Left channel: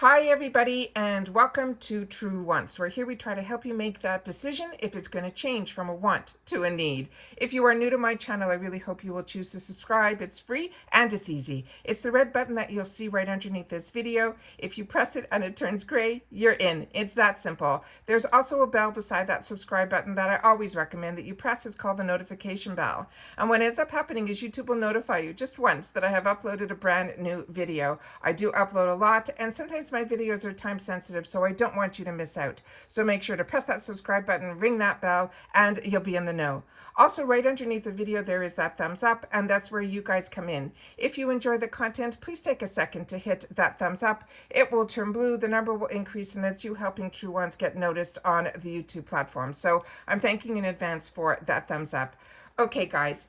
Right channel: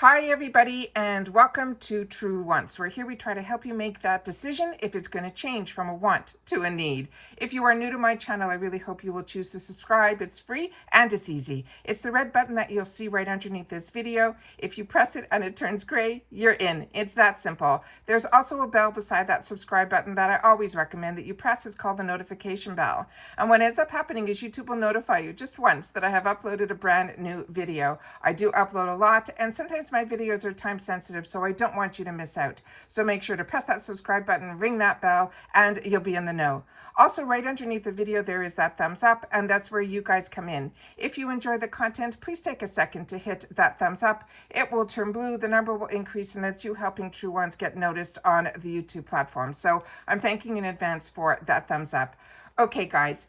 Hi everybody and welcome to True Wants, where here we try to help you make that decision if it's going to change from a want to a need. If you are new to my channel, I really hope you will choose to subscribe. It's free and it's easy. It's the red button that you'll see right underneath this video. If you press it and it turns gray, you're in. It's that simple. There's also a bell beside that subscribe button that I always recommend that you press. It's called the notification bell. And what ends up happening is YouTube will notify you just once that I have uploaded a brand new video. I do upload a lot, and sometimes my videos are time sensitive, so I don't want you to miss out. So make sure to press that subscribe button, ring that bell, and you'll be in the know. Also, right underneath the video, there is that thumbs up, and that's where you guys come in. If you enjoy the content, please take a second to hit that thumbs up. It will turn blue, the number will increase, and that's you helping True Ones get noticed on the YouTube platform. So I'm thanking in advance for that thumbs up. Okay, guys.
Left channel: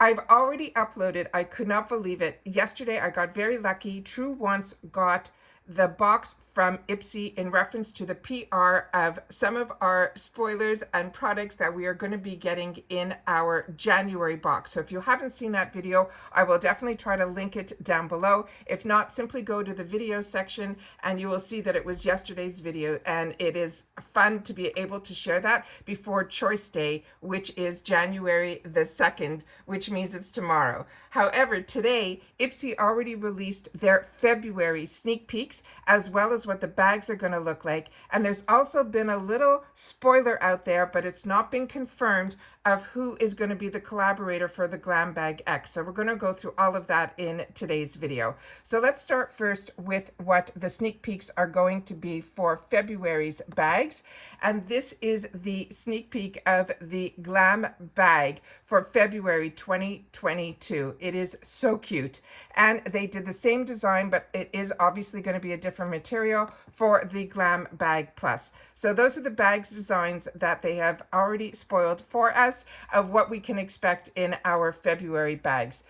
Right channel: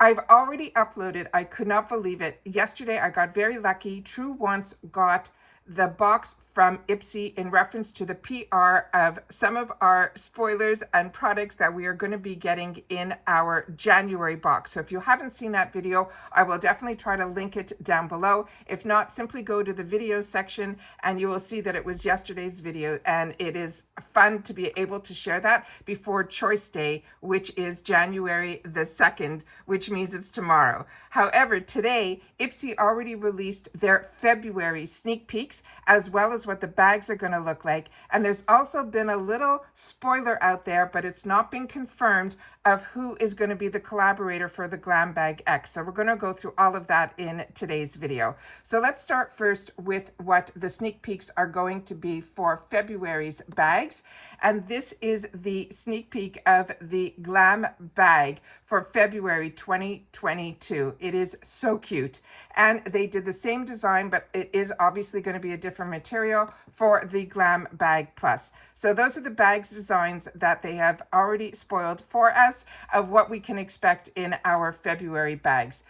I've already uploaded, I could not believe it. Yesterday, I got very lucky. True Wants got the box from IPSY in reference to the PR of some of our spoilers and products that we are going to be getting in our January box. So if you haven't seen that video, I will definitely try to link it down below. If not, simply go to the video section and you will see that it was yesterday's video, and it is fun to be able to share that before Choice Day, which is January the 2nd, which means it's tomorrow. However, today, IPSY already released their February sneak peeks, as well as what the bags are going to look like. And there's also been a little spoiler out there, but it's not been confirmed, of who is going to be the collaborator for the Glam Bag X. So we're going to go through all of that in today's video. So let's start first with what the sneak peeks are going to be for February's bags. And this is the sneak peek of the Glam Bag for February 2022. It is so cute. And they did the same design, but it is obviously going to be a different material for the Glam Bag Plus. So those are the bags designs that they have already spoiled for us of what we can expect in our February bags.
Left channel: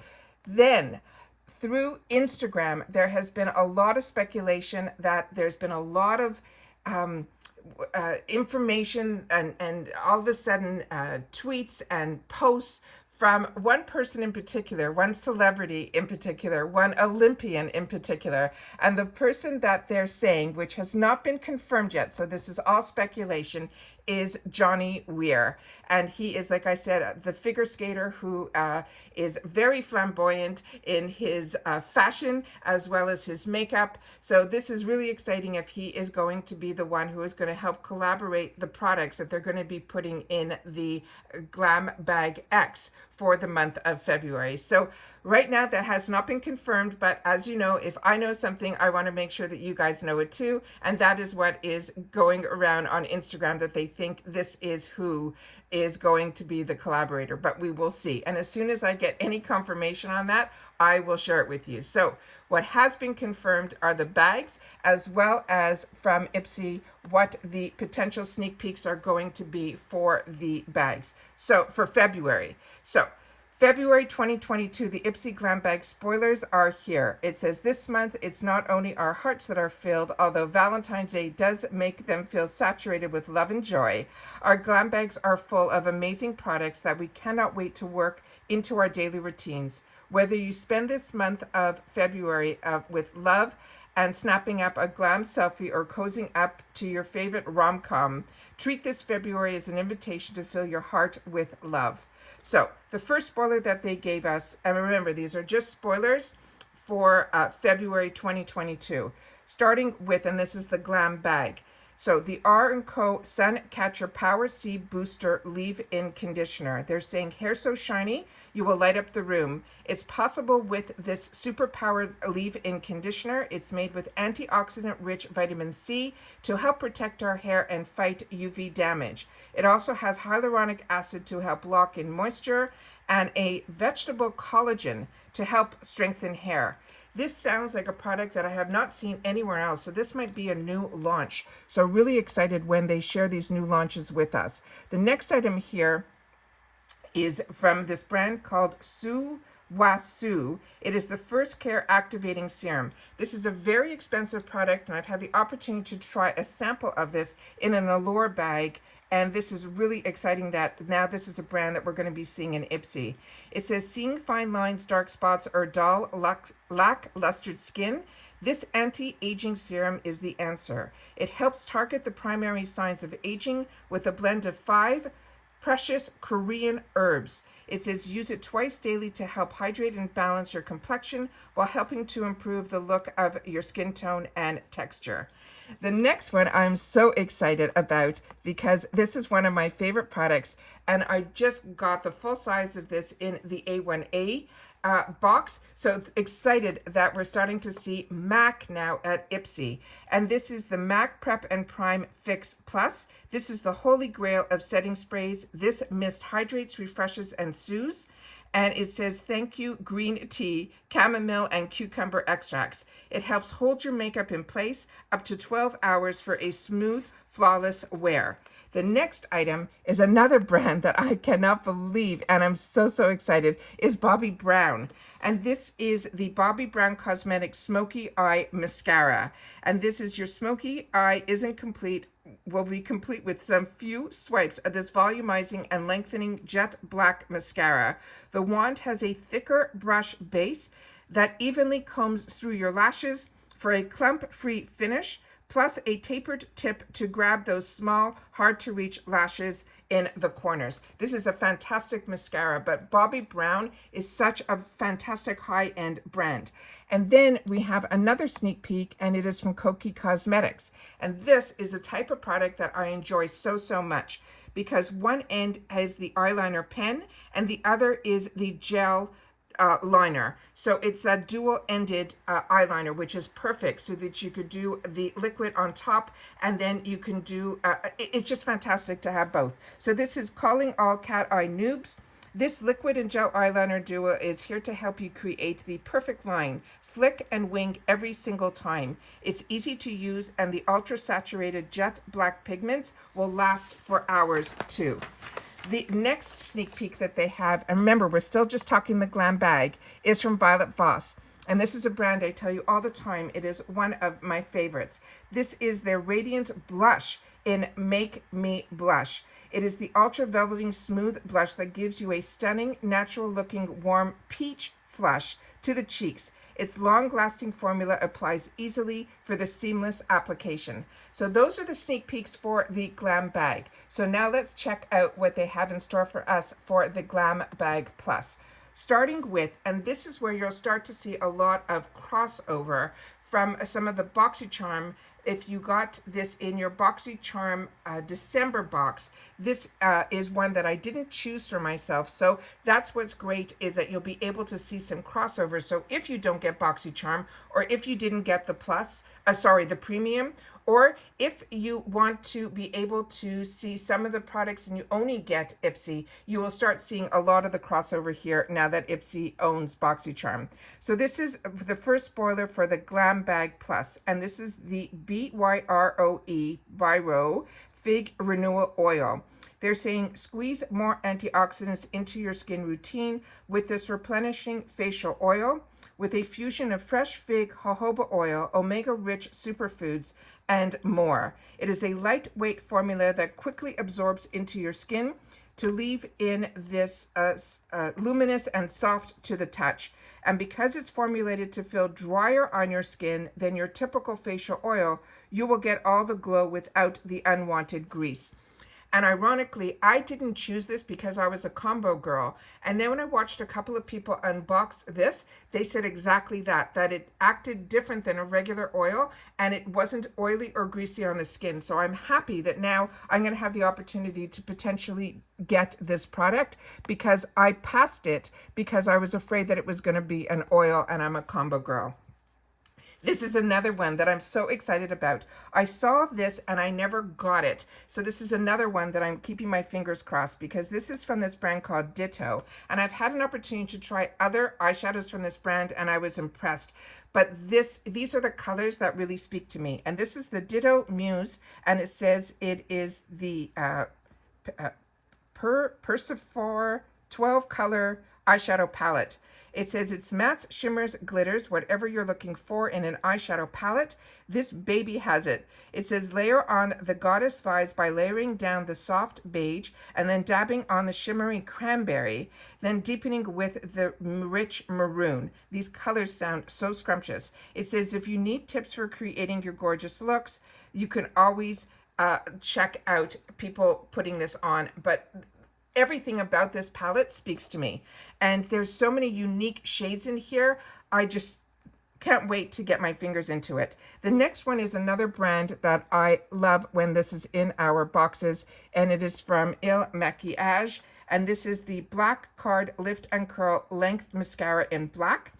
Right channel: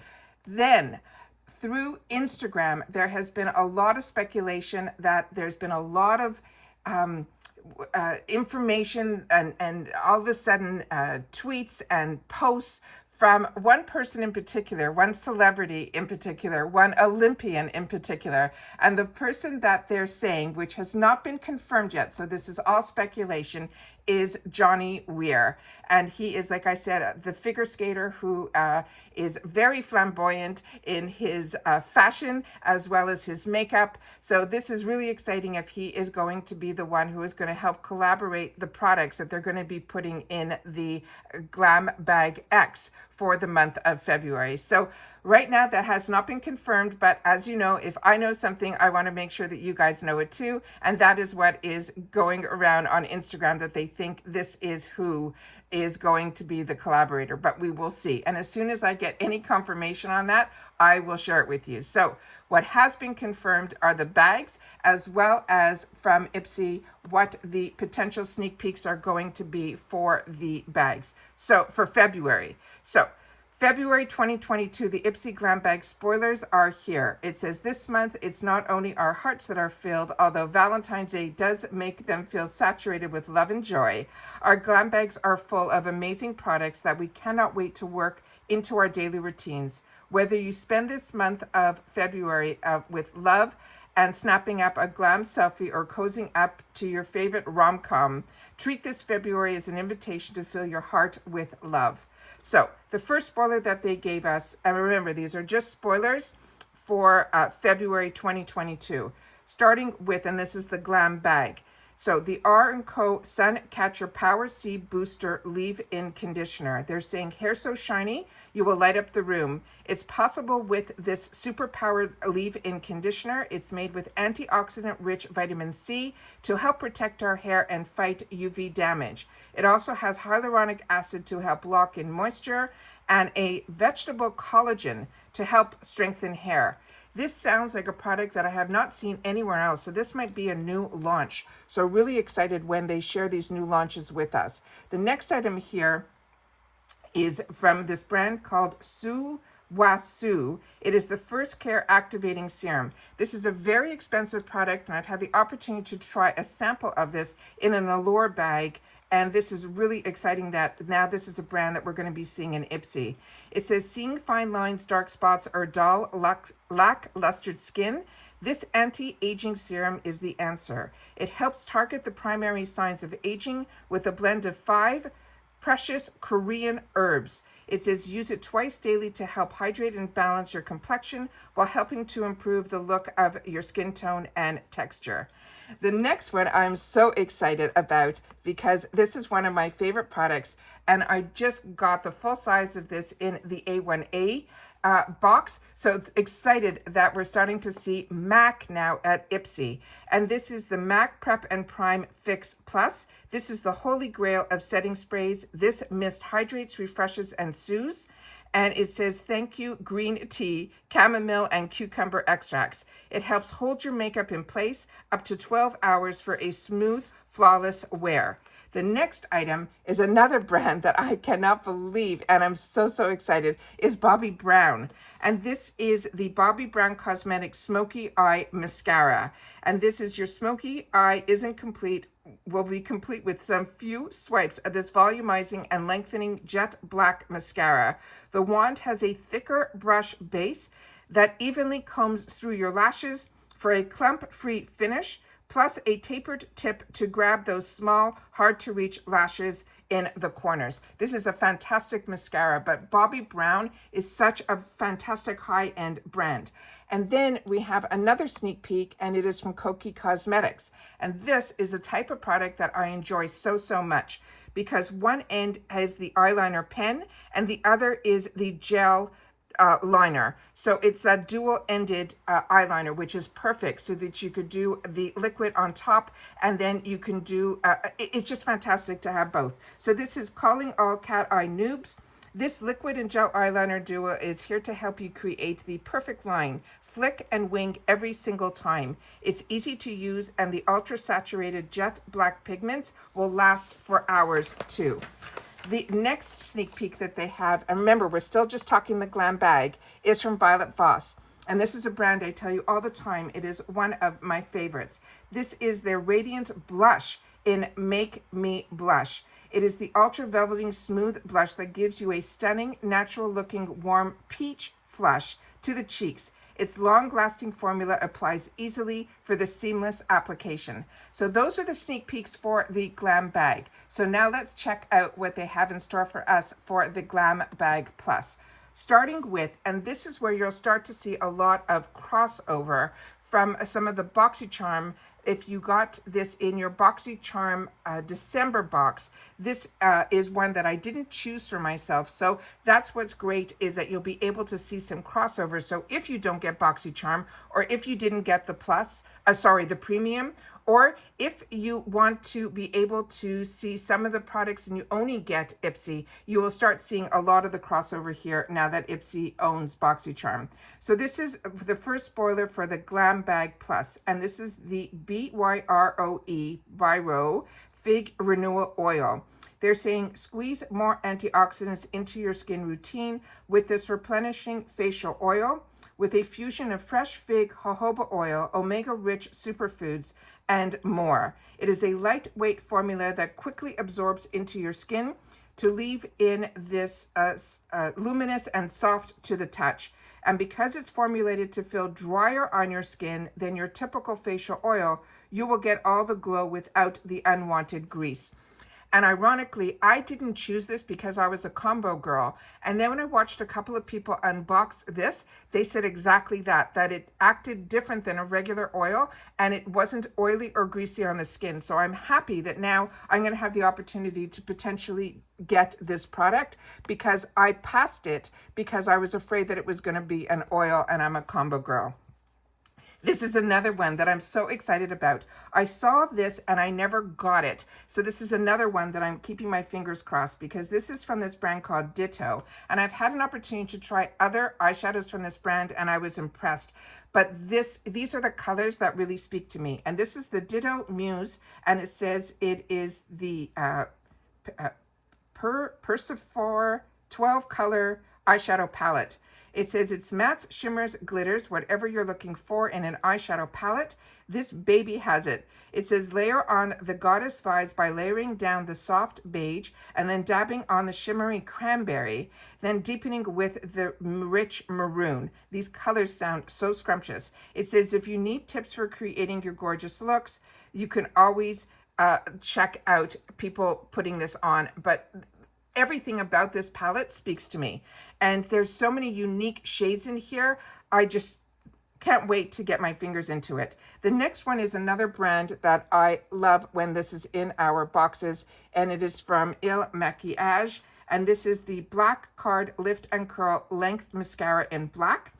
Then through Instagram, there has been a lot of speculation that there's been a lot of information and all of a sudden tweets and posts from one person in particular, one celebrity in particular, one Olympian in particular. And the person that they're saying, which has not been confirmed yet, so this is all speculation, is Johnny Weir. And he is, like I said, the figure skater who is very flamboyant in his fashion as well as his makeup. So this is really exciting if he is going to be the one who is going to help collaborate the products that they're going to be putting in the Glam Bag X for the month of February. So right now that has not been confirmed, but as you know, if I know something, I want to make sure that you guys know it too. And that is what is going around on Instagram, that they think this is who is going to be the collaborator, but we will see. And as soon as I get any confirmation on that, I will share it with you. So what has been confirmed are the bags, as well as from IPSY, what the potential sneak peeks are going to be for the bags. So for February. So February 2022, the IPSY Glam Bag spoilers are here. It says this month, it's not only our hearts that are filled, although Valentine's Day does make them feel saturated with love and joy. Our glam bags are full of amazing products that we cannot wait to work into our daily routines. Whether you spend this month of February with love and snapping up a glam selfie or cozying up to your favorite rom-com, treat this February as an invitation to fill your heart with love. So the first spoiler that they gave us, and remember, these are just spoilers for February 2022, starting with, and this is the Glam Bag. So the R&Co Sun Catcher Power C Booster Leave-In Conditioner. They're saying hair so shiny, you will light up the room. It's possible with this super powered leave-in conditioner. It's made with antioxidant-rich vitamin C to help protect our hair and fight UV damage. It also has hyaluronic acid to help lock in moisture and a vegetable collagen to help strengthen hair. This sounds like a product that I have not seen anywhere else, so this might be a new launch. So really excited when they share these new launches with us. The next item here is from this brand called Su. It is the First Care Activating Serum. This is a very expensive product, and I've had the opportunity to try a sample of this in an Allure bag. And this is really exciting that now this is a brand that we're going to be seeing in IPSY. It says, seeing fine lines, dark spots, or dull, lackluster skin, This anti-aging serum is the answer. It helps target the primary signs of aging with a blend of 5 precious Korean herbs. It says use it twice daily to help hydrate and balance your complexion while helping to improve the look of your skin tone and texture. The next one I'm so excited about because this is one of my favorite products, and I just got the full size of this in the A1A box. So excited that we're starting to see MAC now at IPSY. And this is the MAC Prep and Prime Fix Plus. This is the holy grail of setting sprays. This mist hydrates, refreshes, and soothes. And it says, thank you, green tea, chamomile, and cucumber extracts. It helps hold your makeup in place up to 12 hours for a smooth, flawless wear. The next item is another brand that I cannot believe, and I'm so excited, is Bobbi Brown. And this is the Bobbi Brown Cosmetics Smoky Eye Mascara. And this is your smoky eye isn't complete, will be complete with some few swipes of this volumizing and lengthening jet black mascara. The wand has a thicker brush base that evenly combs through your lashes for a clump-free finish, plus a tapered tip to grab those small, hard-to-reach lashes in the corners. This is a fantastic mascara, but Bobbi Brown is such a fantastic high-end brand. And then we have another sneak peek, and it is from Koki Cosmetics. And this is a type of product that I enjoy so much, because one end has the eyeliner pen, and the other is the gel liner. So it's that dual-ended eyeliner, which is perfect so that you could do the liquid on top, and then you can do, it's just fantastic to have both. So this is Calling All Cat Eye Noobs. This liquid and gel eyeliner duo is here to help you create the perfect line, flick and wing every single time. It's easy to use, and the ultra-saturated jet black pigments will last for hours too. The next sneak peek that they have, and remember, we're still just talking the Glam Bag, is from Voss. And this is a brand I tell you all the time, it is one of my favorites. This is their Radiant Blush in Make Me Blush. It is the ultra velveting smooth blush that gives you a stunning, natural looking, warm peach flush to the cheeks. Its long-lasting formula applies easily for the seamless application. So those are the sneak peeks for the Glam Bag. So now let's check out what they have in store for us for the Glam Bag Plus. Starting with, and this is where you'll start to see a lot of crossover from some of the BoxyCharm. If you got this in your BoxyCharm December box, this is one that I didn't choose for myself. So that's what's great, is that you'll be able to see some crossover. So if you don't get BoxyCharm, or if you didn't get the plus, the premium, or if you want to be able to see some of the products and you only get IPSY, you will start seeing a lot of the crossover here now that IPSY owns BoxyCharm. So this is the first spoiler for the Glam Bag Plus, and this is the Biro Fig Renewal Oil. They're saying squeeze more antioxidants into your skin routine with this replenishing facial oil with a fusion of fresh fig jojoba oil, omega-rich superfoods, and more. It is a lightweight formula that quickly absorbs into your skin to leave in this luminous and soft to the touch. And because it's formulated to feel drier on your skin than your typical facial oil, you will get all the glow without the unwanted grease. And ironically, I didn't choose this because I was a combo girl. And then when I watched a couple of people unbox this, they said exactly that it acted different than a regular oil, and it wasn't oily or greasy on the skin. So I'm happy that now I'm going to have the opportunity to potentially get this product, because I passed it because I was afraid that it was going to be an oil, and I'm a combo girl. This is another one that I'm so excited about. I saw this and I never got it. So this is another one that I'm keeping my fingers crossed, because this is from this brand called Ditto. And I've had an opportunity to try other eyeshadows from this brand and I was impressed. But these are the colors that really speak to me. And this is the Ditto Muse, and it says it is the Persephore 12 color eyeshadow palette. It says it's mattes, shimmers, glitters, whatever you're looking for in an eyeshadow palette. This baby has it. It says layer on the goddess vibes by layering down the soft beige and then dabbing on the shimmery cranberry, then deepening with the rich maroon. These colors sound so scrumptious. It says if you need tips for creating your gorgeous looks, you can always check out people putting this on. But everything about this palette speaks to me, and there's so many unique shades in here. I just can't wait to get my fingers into it. The next one is another brand that I love when this is in our boxes, and it is from Il Machiage, and this is the Black Card Lift and Curl Length Mascara in black.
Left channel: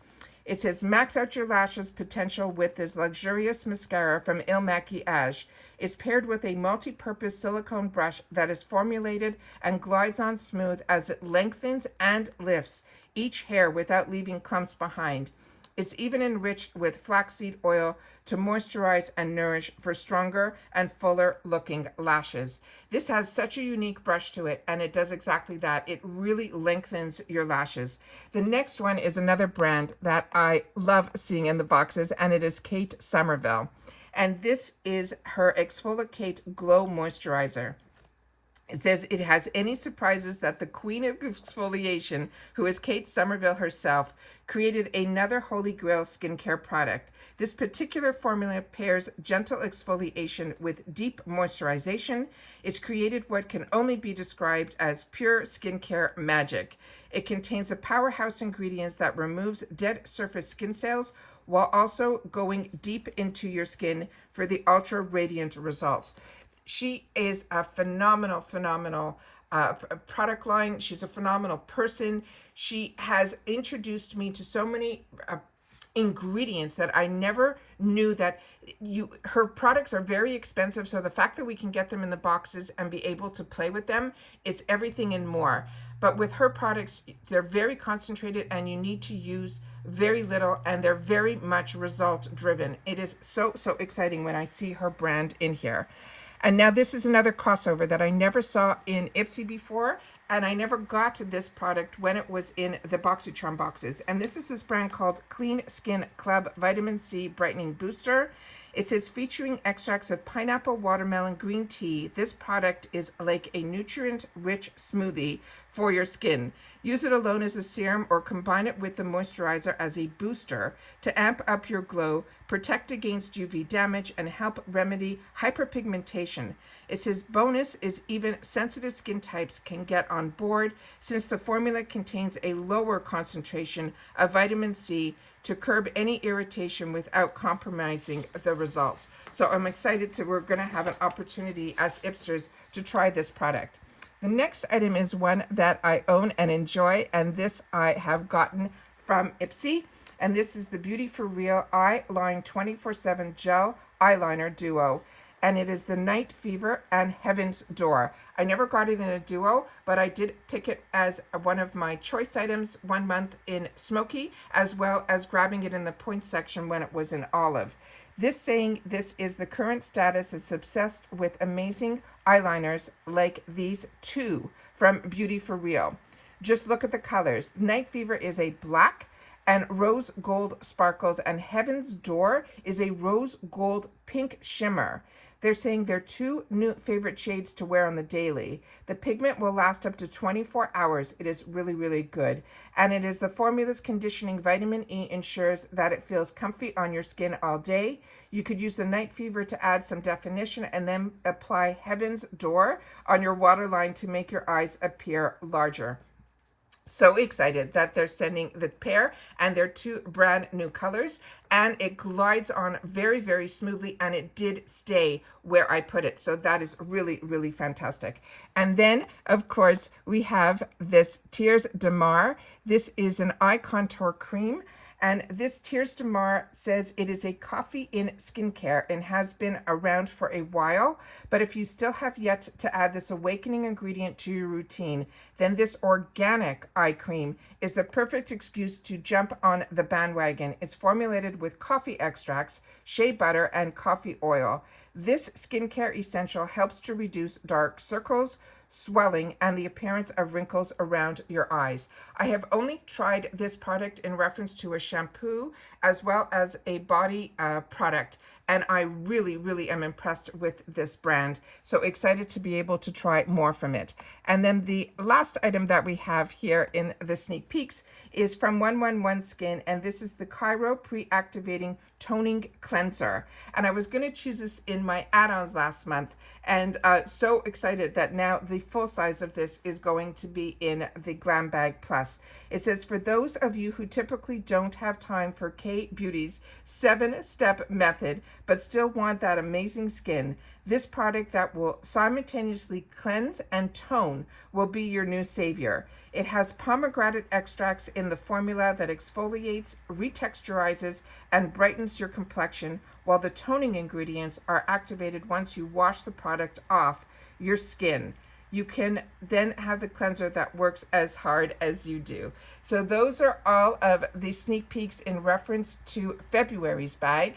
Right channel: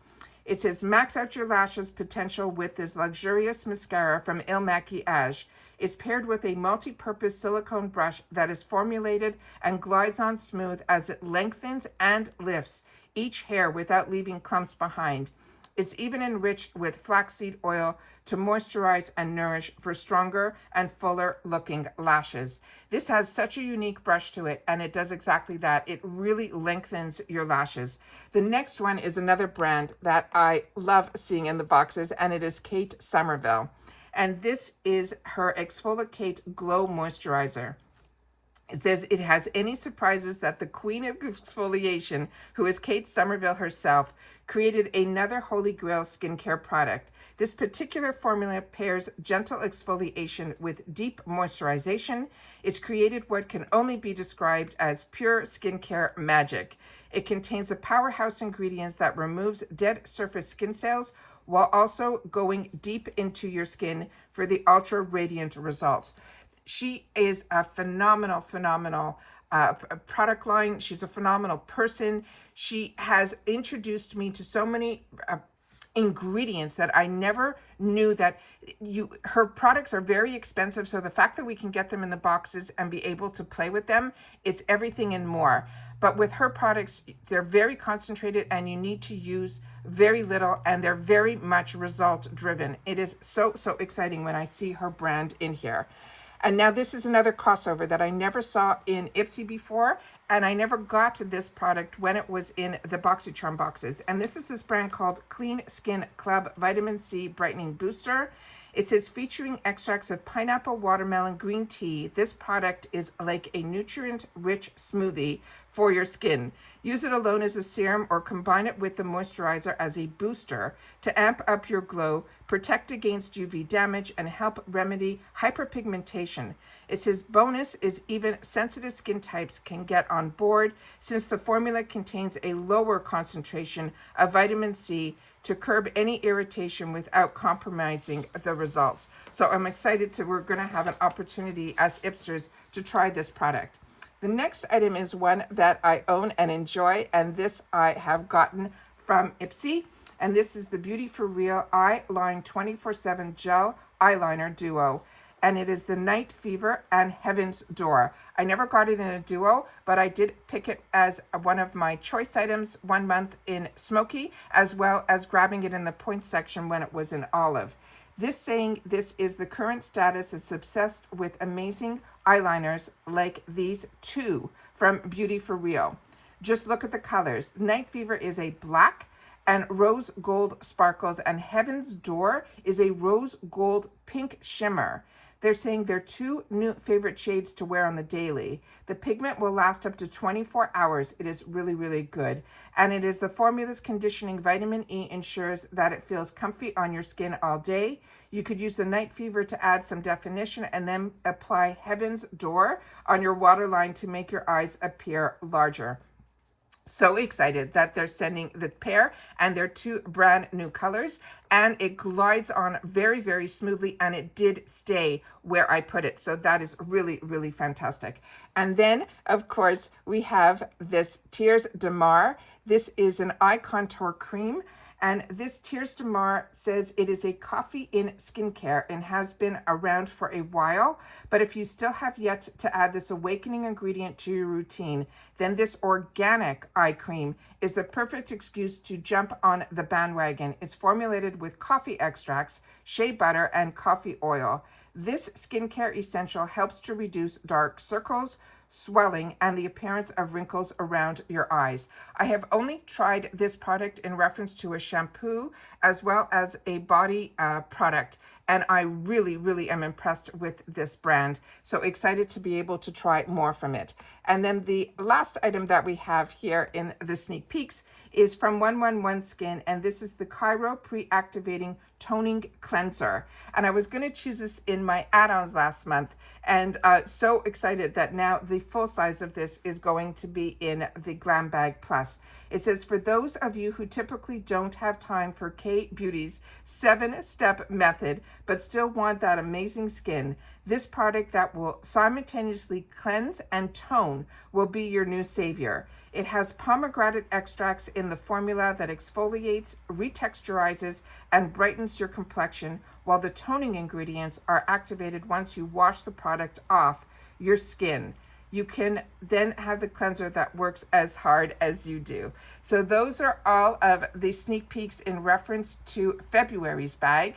It says max out your lashes potential with this luxurious mascara from Il Machiage. It's paired with a multi-purpose silicone brush that is formulated and glides on smooth as it lengthens and lifts each hair without leaving clumps behind. It's even enriched with flaxseed oil to moisturize and nourish for stronger and fuller looking lashes. This has such a unique brush to it, and it does exactly that. It really lengthens your lashes. The next one is another brand that I love seeing in the boxes, and it is Kate Somerville. And this is her Exfoliate Glow Moisturizer. It says it has any surprises that the queen of exfoliation, who is Kate Somerville herself, created another holy grail skincare product. This particular formula pairs gentle exfoliation with deep moisturization. It's created what can only be described as pure skincare magic. It contains a powerhouse ingredients that removes dead surface skin cells while also going deep into your skin for the ultra radiant results. She is a phenomenal product line. She's a phenomenal person. She has introduced me to so many ingredients that I never knew that her products are very expensive. So the fact that we can get them in the boxes and be able to play with them, it's everything and more. But with her products, they're very concentrated and you need to use very little, and they're very much result driven. It is so exciting when I see her brand in here. And now this is another crossover that I never saw in IPSY before, and I never got to this product when it was in the BoxyCharm boxes. And this is this brand called Clean Skin Club Vitamin C Brightening Booster. It says featuring extracts of pineapple, watermelon, green tea. This product is like a nutrient-rich smoothie for your skin. Use it alone as a serum or combine it with the moisturizer as a booster to amp up your glow, protect against UV damage, and help remedy hyperpigmentation. It says bonus is even sensitive skin types can get on board since the formula contains a lower concentration of vitamin C to curb any irritation without compromising the results. So I'm excited we're gonna have an opportunity as Ipsters to try this product. The next item is one that I own and enjoy, and this I have gotten from IPSY, and this is the Beauty for Real Eye Line 24/7 Gel Eyeliner Duo, and it is the Night Fever and Heaven's Door. I never got it in a duo, but I did pick it as one of my choice items 1 month in Smoky, as well as grabbing it in the point section when it was in Olive. This saying this is the current status is obsessed with amazing eyeliners like these two from Beauty for Real. Just look at the colors. Night Fever is a black and rose gold sparkles, and Heaven's Door is a rose gold pink shimmer. They're saying they're two new favorite shades to wear on the daily. The pigment will last up to 24 hours. It is really good. And it is the formula's conditioning vitamin E ensures that it feels comfy on your skin all day. You could use the Night Fever to add some definition and then apply Heaven's Door on your waterline to make your eyes appear larger. So excited that they're sending the pair, and they're two brand new colors, and it glides on very smoothly, and it did stay where I put it. So that is really fantastic. And then of course we have this Tears de Mar. This is an eye contour cream, and this Tears de Mar says it is a coffee in skincare and has been around for a while. But if you still have yet to add this awakening ingredient to your routine, then this organic eye cream is the perfect excuse to jump on the bandwagon. It's formulated with coffee extracts, shea butter, and coffee oil. This skincare essential helps to reduce dark circles, swelling, and the appearance of wrinkles around your eyes. I have only tried this product in reference to a shampoo as well as a body product, and I really, really am impressed with this brand. So excited to be able to try more from it. And then the last item that we have here in the sneak peeks is from 111 Skin, and this is the Cryo Pre-Activating Toning Cleanser. And I was going to choose this in my add-ons last month, and so excited that now the full size of this is going to be in the Glam Bag Plus. It says, for those of you who typically don't have time for K-Beauty's 7-step method, but still want that amazing skin, this product that will simultaneously cleanse and tone will be your new savior. It has pomegranate extracts in the formula that exfoliates, retexturizes, and brightens your complexion, while the toning ingredients are activated once you wash the product off your skin. You can then have the cleanser that works as hard as you do. So those are all of the sneak peeks in reference to February's bag.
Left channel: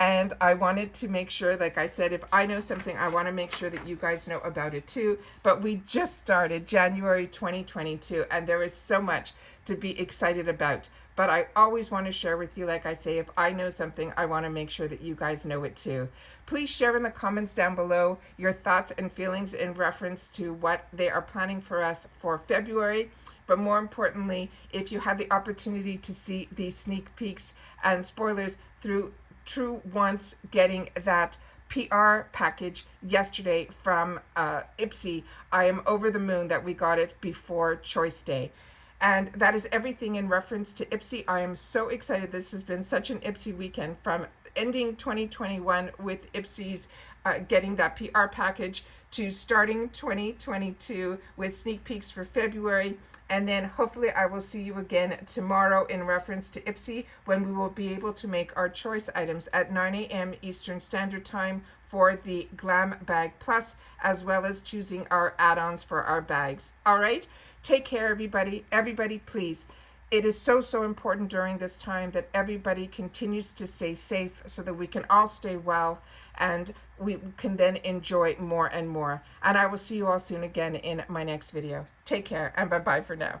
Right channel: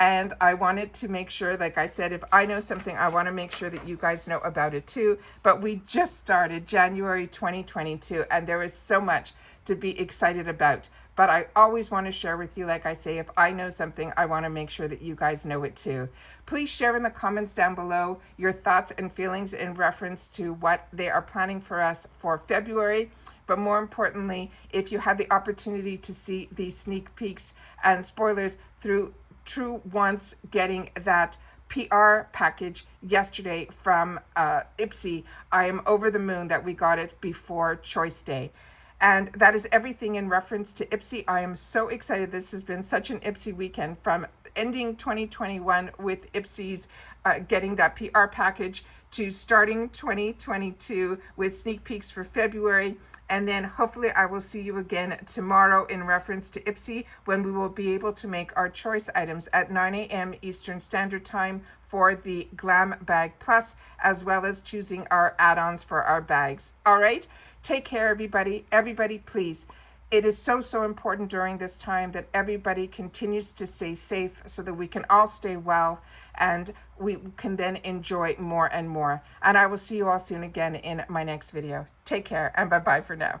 And I wanted to make sure, like I said, if I know something, I want to make sure that you guys know about it too. But we just started January 2022, and there is so much to be excited about. But I always want to share with you, like I say, if I know something, I want to make sure that you guys know it too. Please share in the comments down below your thoughts and feelings in reference to what they are planning for us for February. But more importantly, if you had the opportunity to see the sneak peeks and spoilers through True Wants getting that PR package yesterday from IPSY, I am over the moon that we got it before Choice Day. And that is everything in reference to IPSY. I am so excited. This has been such an IPSY weekend, from ending 2021 with IPSY's getting that PR package to starting 2022 with sneak peeks for February. And then hopefully I will see you again tomorrow in reference to IPSY, when we will be able to make our choice items at 9 a.m. Eastern Standard Time for the Glam Bag Plus, as well as choosing our add-ons for our bags. All right, take care, everybody. Everybody, please. It is so, so important during this time that everybody continues to stay safe so that we can all stay well and we can then enjoy more and more. And I will see you all soon again in my next video. Take care, and bye-bye for now.